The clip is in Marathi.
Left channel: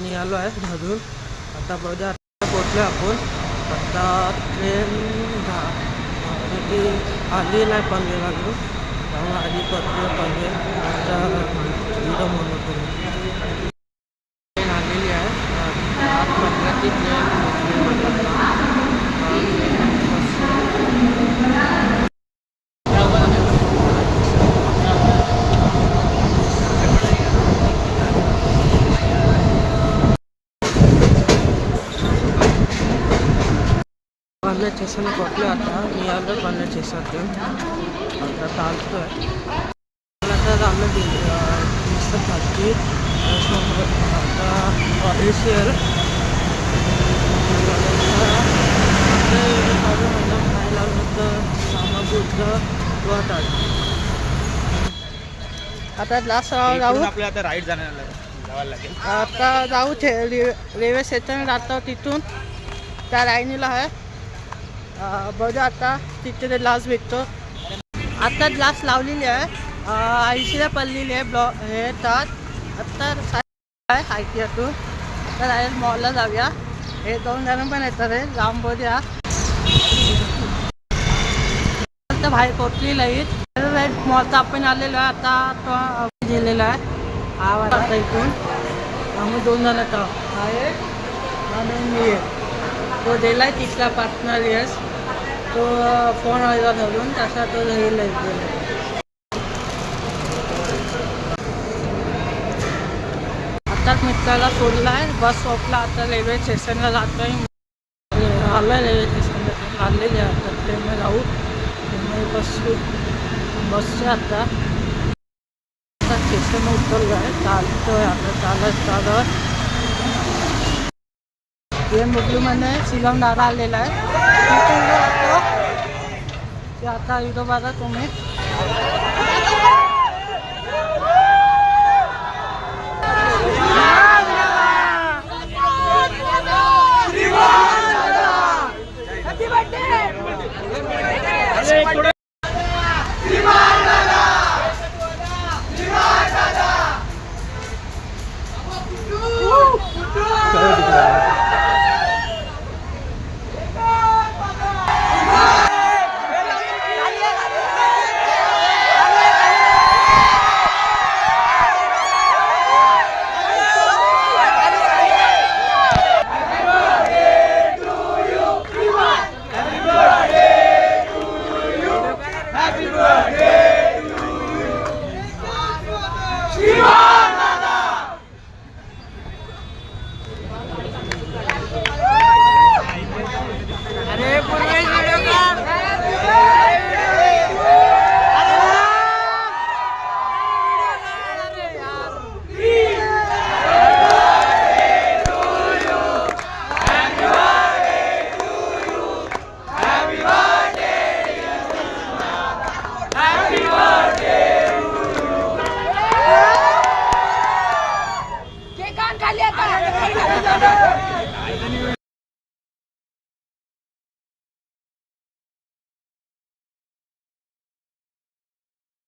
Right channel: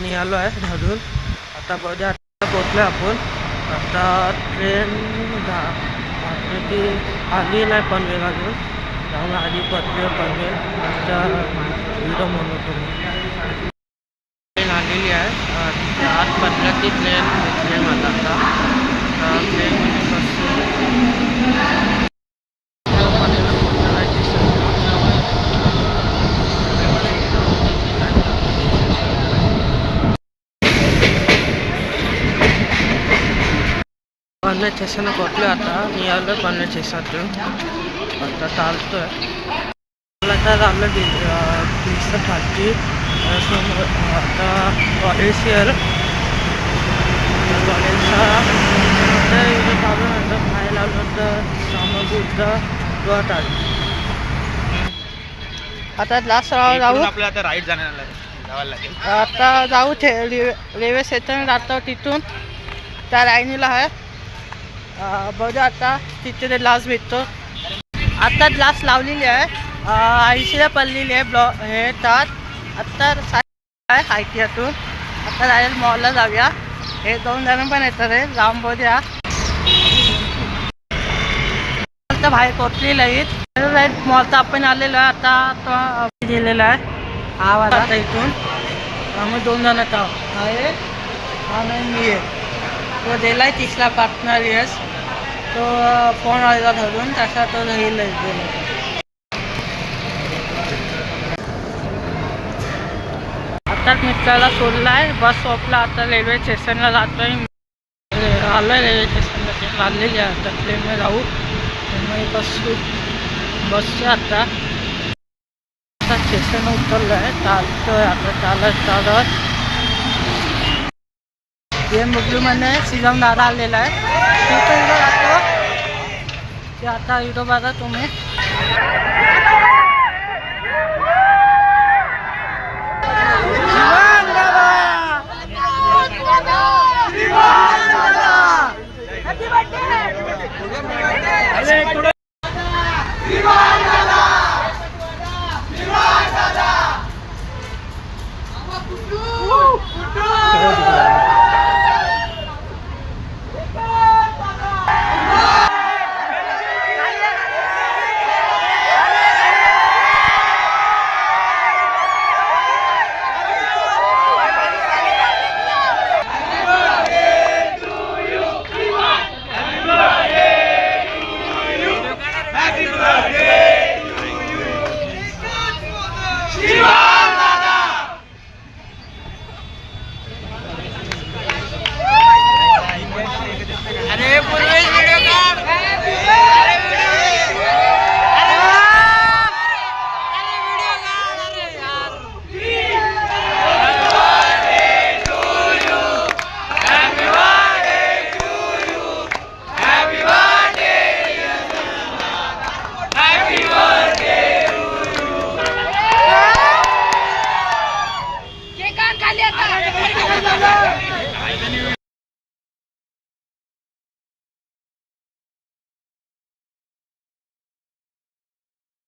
निघालो आहे धरून. आता बघा आता पोचलो आपण. आता ट्रेन ती आली नाही पनवेल अजून. जाऊन आधी पनवेल नंतर व्हिडिओ म्हणून तुम्ही ट्रेन आलेली आहे. आज पनवेलची ट्रेन भेटली मला आता. ट्रेनमध्ये बसून पनवेल स्टेशन पोचलो. आता मी आलो पनवेल स्टेशनातून. आता चालतो आहे. मला तर आलं दिसत खालची समोर. आता कॉलेज येईल. कॉलेजचा आता इकडं चालू नंतर बाहेर लावलं तर सामबुद्ध वाट आली. आता लास्ट जाऊ. आपल्याला आता राईड जायला लागेल. आता जाऊ रेल्वे स्टेशन जातो. तिथून त्या लाईनीला आहे. बघू आता तिथे ते लास्ट भेटतो. आता लास्ट लावलेली आहे. 80ला पडलेली आहे हे तात. आता आहे हायकियातून. आता डायरेक्ट मॉलला जाऊया. हे 2 जण पण येतात रे. जाऊन बघूया. आता बाहेर पोचलेलं आहे. मॉलचा आपण आलेलो आहे. आता तो गेलेला आहे. आता इथून आम्ही 2 जण का मी आहे. तो दिला आहे 30ला पार्टनर येस. तो फोन आलेला धरून तसा तो राहील. आताच मित्राला सोडला आहे बस स्टॉपला. आता रेल्वे स्टेशनला जातोय. आलो आहे रेल्वे स्टेशनला. आलेली आहे. आता ट्रेनमध्ये जाऊ. ट्रेनमध्ये बसचे आता स्टेशन उतरलं आहे. चालतोय आता चालत BMW मध्ये शिलम दादा आलेला आहे. तिथं जातो ते. आता व्हिडिओ बघा तुम्ही.